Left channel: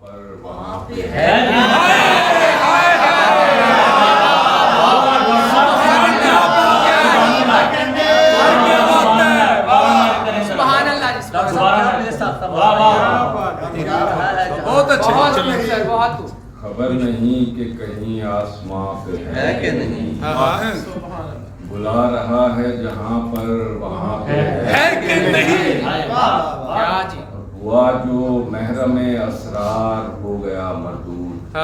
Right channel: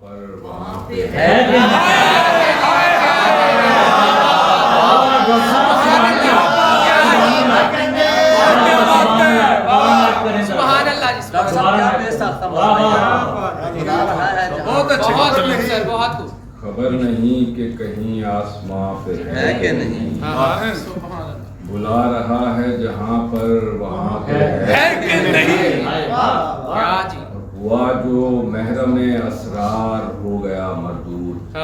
پر وہاں پہ ہے خبر نہیں کہ کہیں آسماں پہ ہے کہ نہیں بلا رہا ہے جہاں پر وہاں پہ ہے کہ نہیں ہوا جو محرم اسرار ہو گیا مردود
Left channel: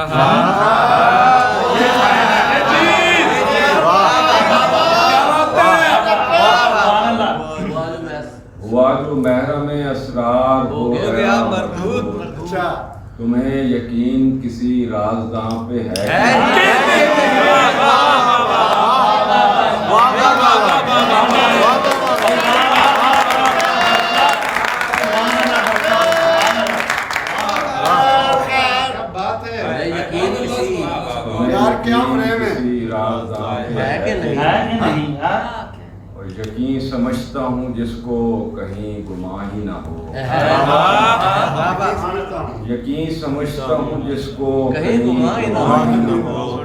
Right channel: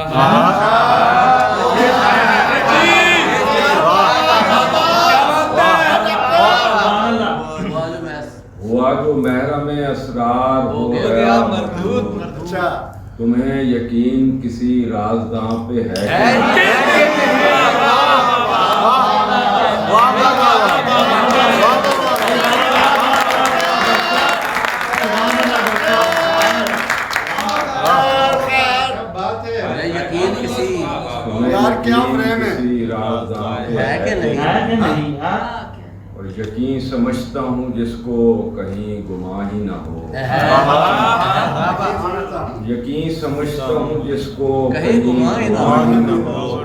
ہوا جو محرم اسرار ہو گیا مردود تمہیں یقین کسی رازداں پہ ہے اور یقین سمجھتا ہوں جس کو کہیں گمان ہی نہ ہو یقین سمجھتا ہوں جس کو کہیں گمان ہی نہ ہو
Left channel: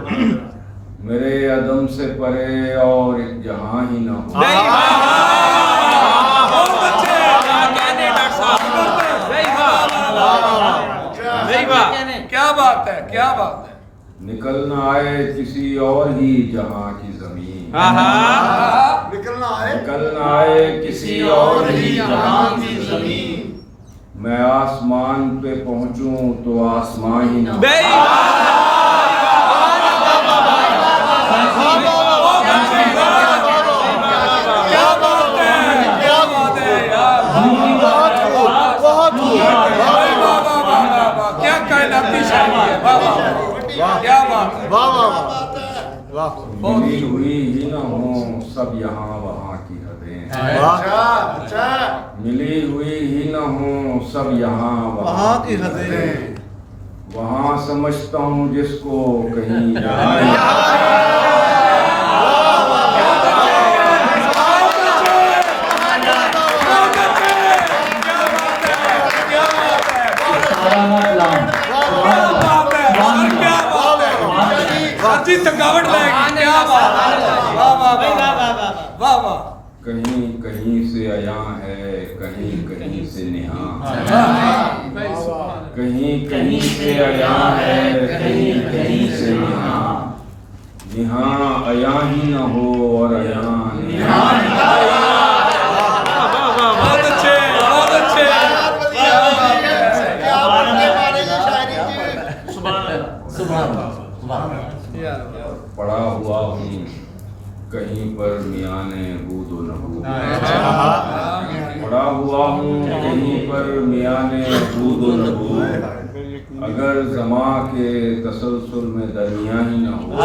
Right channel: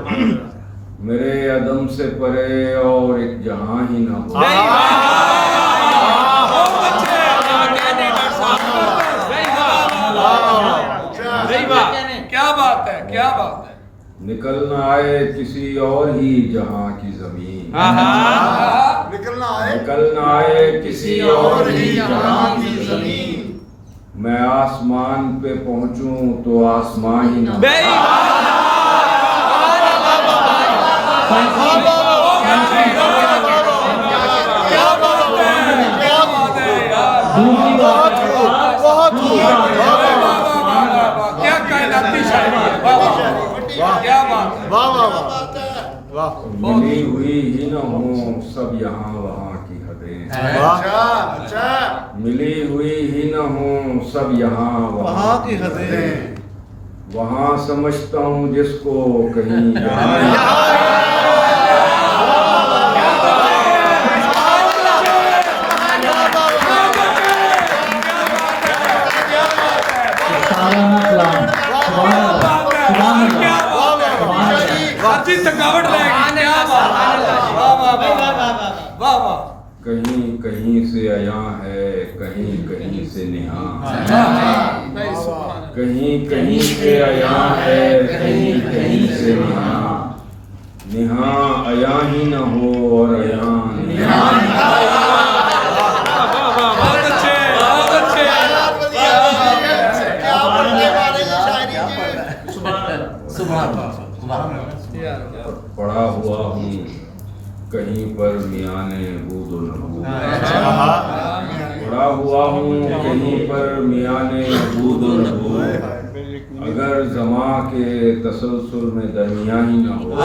میرے عدم سے پرے اور ایک جہاں ہی نہ ہو کیا بات ہے کیا بات ہے نکلنا آئے کسی اور ہی جہاں کی زمین نکلنا آئے کسی اور ہی جہاں کی زمین میں آسمان پہ پہنچوں تو آسمان ہی نہ ملی ہوئی ہی نہ ہوں سب یہاں وہاں کی حدیں ملی ہوئی ہی نہ ہوں سب یہاں وہاں کی حدیں وہاں سمجھتا ہوں جس کو کہیں کہیں کہیں سے عیاں ہے کہیں کہیں سے نہاں کہیں کہیں سے عیاں ہے کہیں کہیں سے نہاں نہاں عیاں ہی نہ ہو اور عیاں پڑا ہوا ہوں کہیں پر میان بود و نبود پڑا ہوا ہوں کہیں پر میان بود و نبود اگر زماں کے تسلسل میں درمیان ہی نہ ہو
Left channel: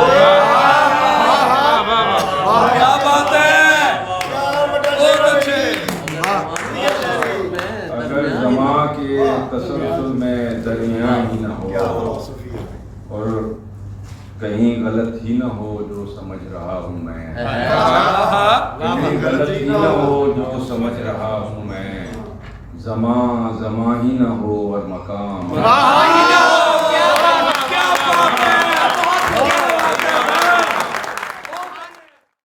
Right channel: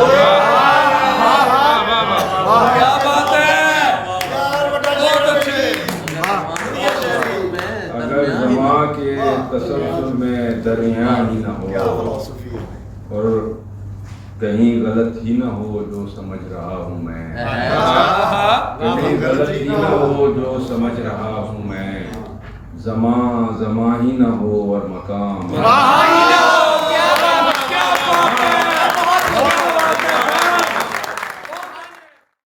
اگر زماں کے تسلسل میں درمیان ہی نہ ہو اور کہیں غلط ہی نہ ہو جو سمجھ رہا ہوں میں کہیں غلط ہی نہ ہو جو سمجھ رہا ہوں میں زمان زمان ہی نہ ہو اور مقام